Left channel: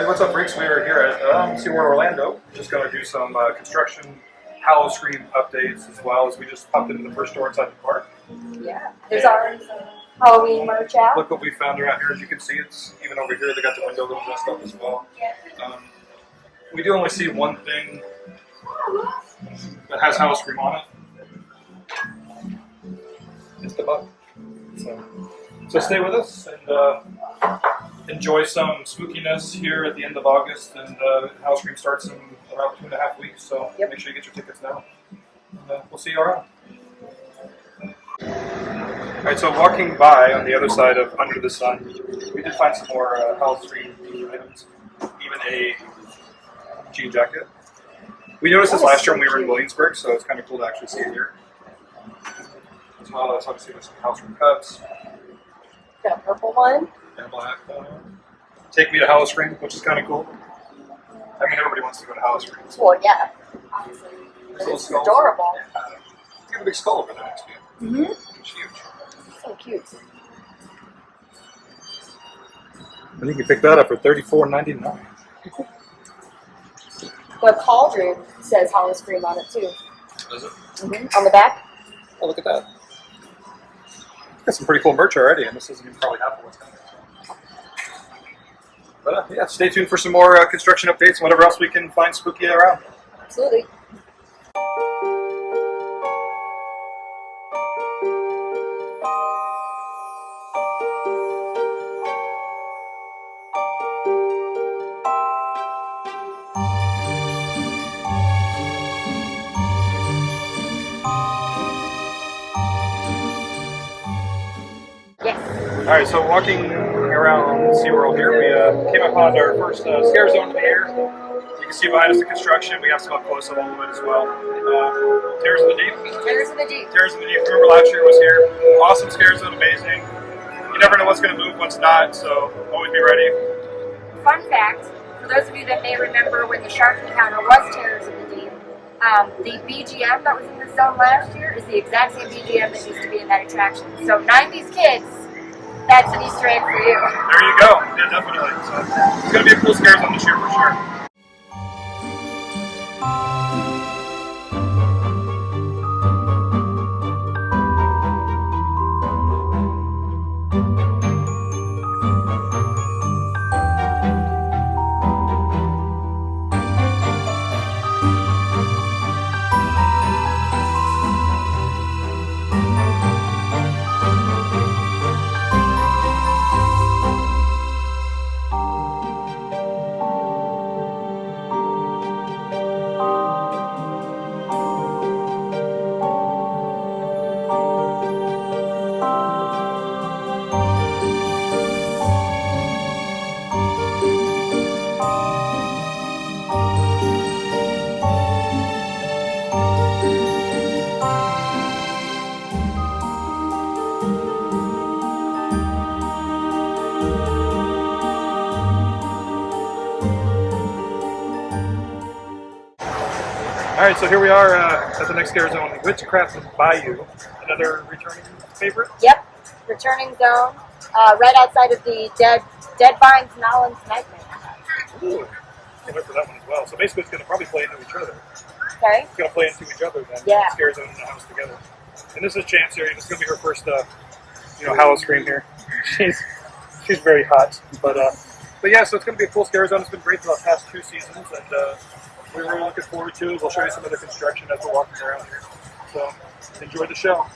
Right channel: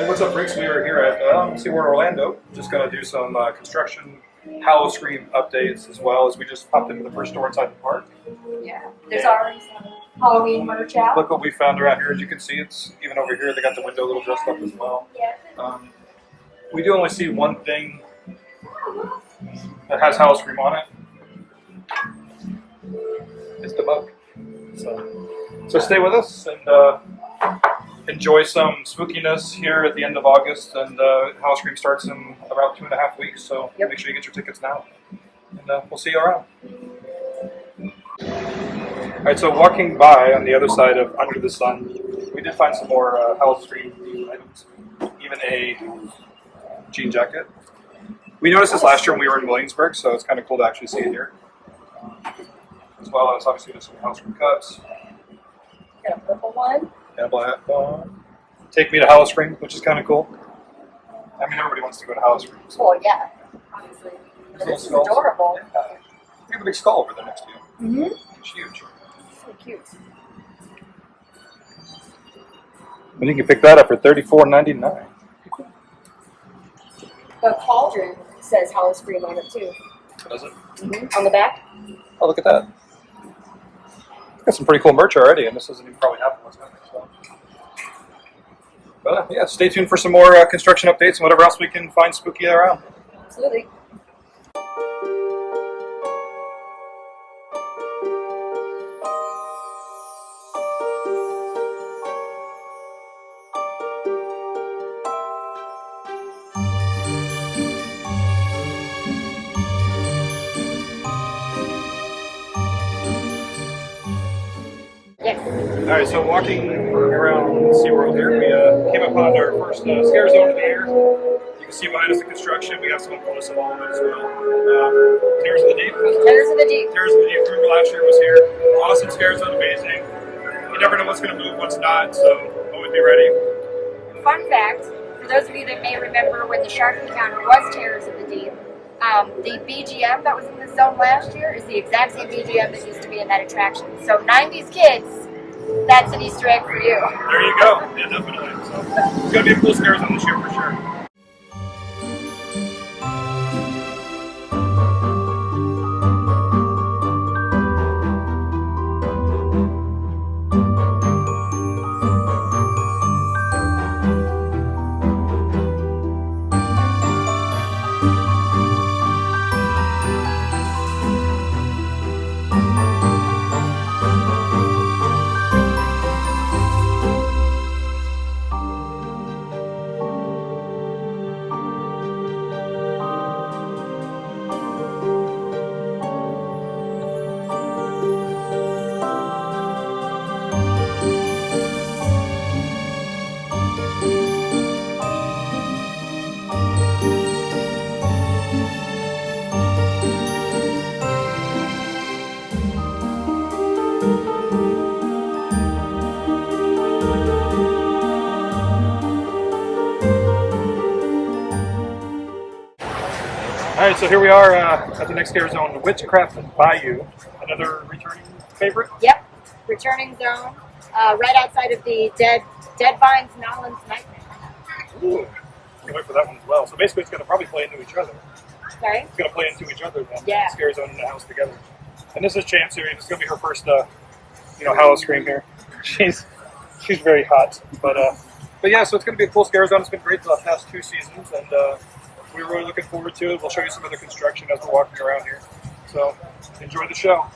Hey, what's up, freaks? We are here at SeaWorld Orlando. Just going to do some construction Howl-O-Scream updates as well as we just popped into the first store inside the park. Yeah, there's our Halloween merch out. Look what we found around here. As you can see, it's even over here. They got the window a little dressed up as well. We do only see one thing that has Howl-O-Scream on it. It's the bug. So stay with us and enjoy some spookiness here at the end of August. And Howl-O-Scream starts in about 2.5 weeks. So make sure you get your tickets now. And we'll see you around. All right, so walking by on the other side of Under the Sun, we did find some more Howl-O-Scream items, even a jean jacket. We noticed this last year when we were in Williamsburg, so it's kind of cool to actually see it here. As well as obviously there's some Howl-O-Scream cups. Got a purple one. Yeah, black one. Take me to Howl-O-Scream, which is kind of cool. I mean, everybody wants to go to Howl-O-Scream. So. Well, yeah, obviously. This is adorable. Yeah. You have a big skull over there next to you. Mm-hmm. It's huge. So cute. And you can pick that up for $34.99. The cauldron says Howl-O-Scream on it too. Does it? Mm-hmm. On the back. Oh, look at that. Got some pretty cool merch already, and this isn't even probably half of what's coming. So. But yeah, stay tuned for some more construction updates and whatever else we can find spooky around. Absolutely. All right, so walking around SeaWorld here, we came upon our first scare zone of the year. You can see behind us the construction. We have some up close of all of it as well. Terrors of the Deep. Terrors of the Deep. Terrors of the Deep. Remember last year was here. Awesome scare zone, amazing. You never know what's going to move, what's not, so always be ready. Fun fact, for those of you that may remember when the shark encounter was Terrors of the Deep, the BGM that was in the zone last year is the exact same BGM that used to be in that attraction. So 90s kids, that's an Easter egg for you. There you go. Yeah, definitely. So it's going to be a cool scare zone this year for sure. Alright, so here we are at the next scare zone, Witchcraft Bayou. Another returning favorite? Yep, returning zone, right outside of the Dead Vines Nolans Nightmare. Ooh, can't wait for that one as well. So basically it's going to probably play into each other. Sorry? It's going to play into each other then. Yeah. Scare zone and the house together. And this is Chance here. This is going to be her first, Howl-O-Scream here. She's very hot. But yeah, so it's going to be a cool scare zone. It's been great for the past 2 seasons, and we're really looking forward to it. We'll show you some other construction as we're walking around here. So enjoy the show.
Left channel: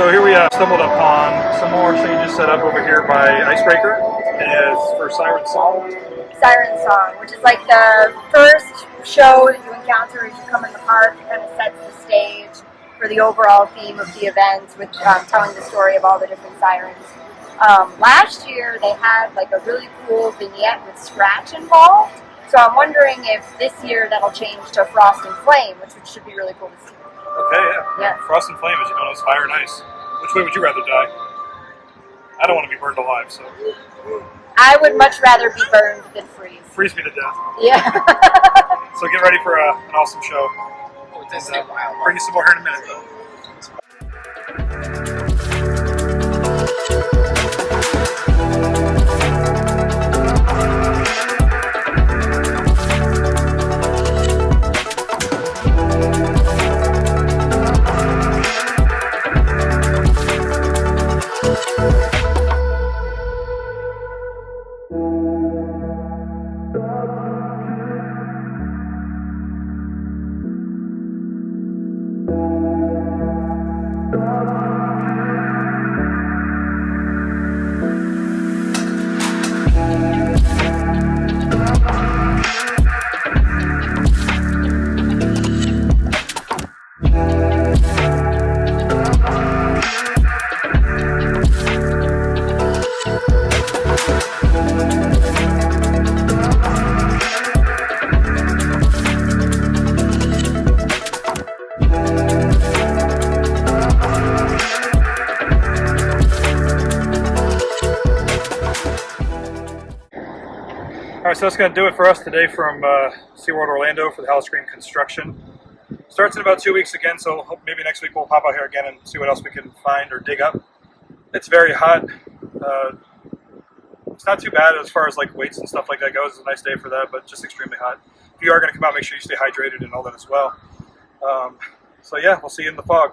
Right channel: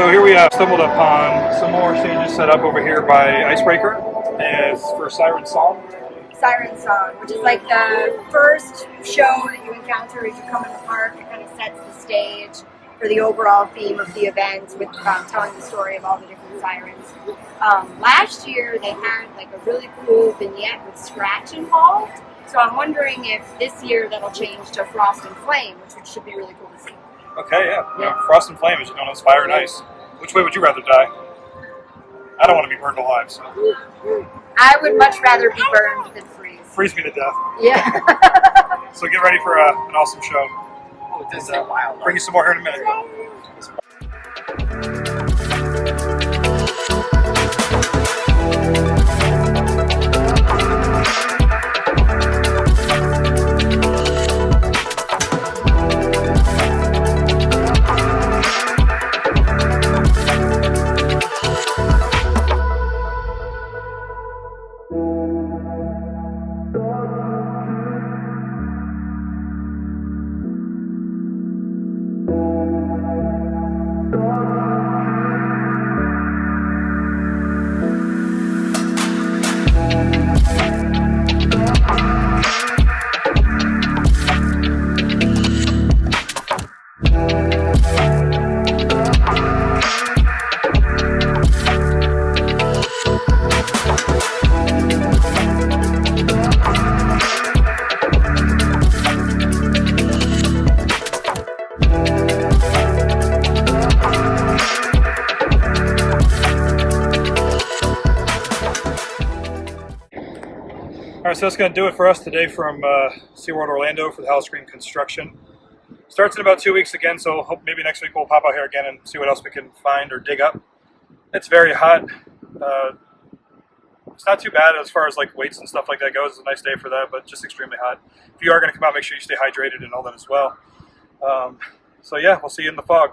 So here we stumbled upon some more stages set up over here by Icebreaker as for Siren Song. Siren Song, which is like the first show that you encounter as you come in the park. It kind of sets the stage for the overall theme of the event with telling the story of all the different sirens. Last year they had like a really cool vignette with Scratch involved, so I'm wondering if this year that'll change to Frost and Flame, which should be really cool to see. Okay, yeah. Frost and Flame, as you know, is fire and ice. Which way would you rather die? I don't want to be burned alive, so. I would much rather be burned than freeze. Freeze me to death. Yeah. So get ready for an awesome show. And bring you some more here in a minute. Alright, so that's going to do it for us today from SeaWorld Orlando for the Howl-O-Scream construction. Starts in about 2 weeks again, so hope maybe next week we'll pop out here again and see what else we can find or dig up. It's very hot. It's not too bad as far as like weights and stuff like that goes. It's a nice day for that, but just extremely hot. If you are going to come out, make sure you stay hydrated and all that as well. So yeah, we'll see you in the fog.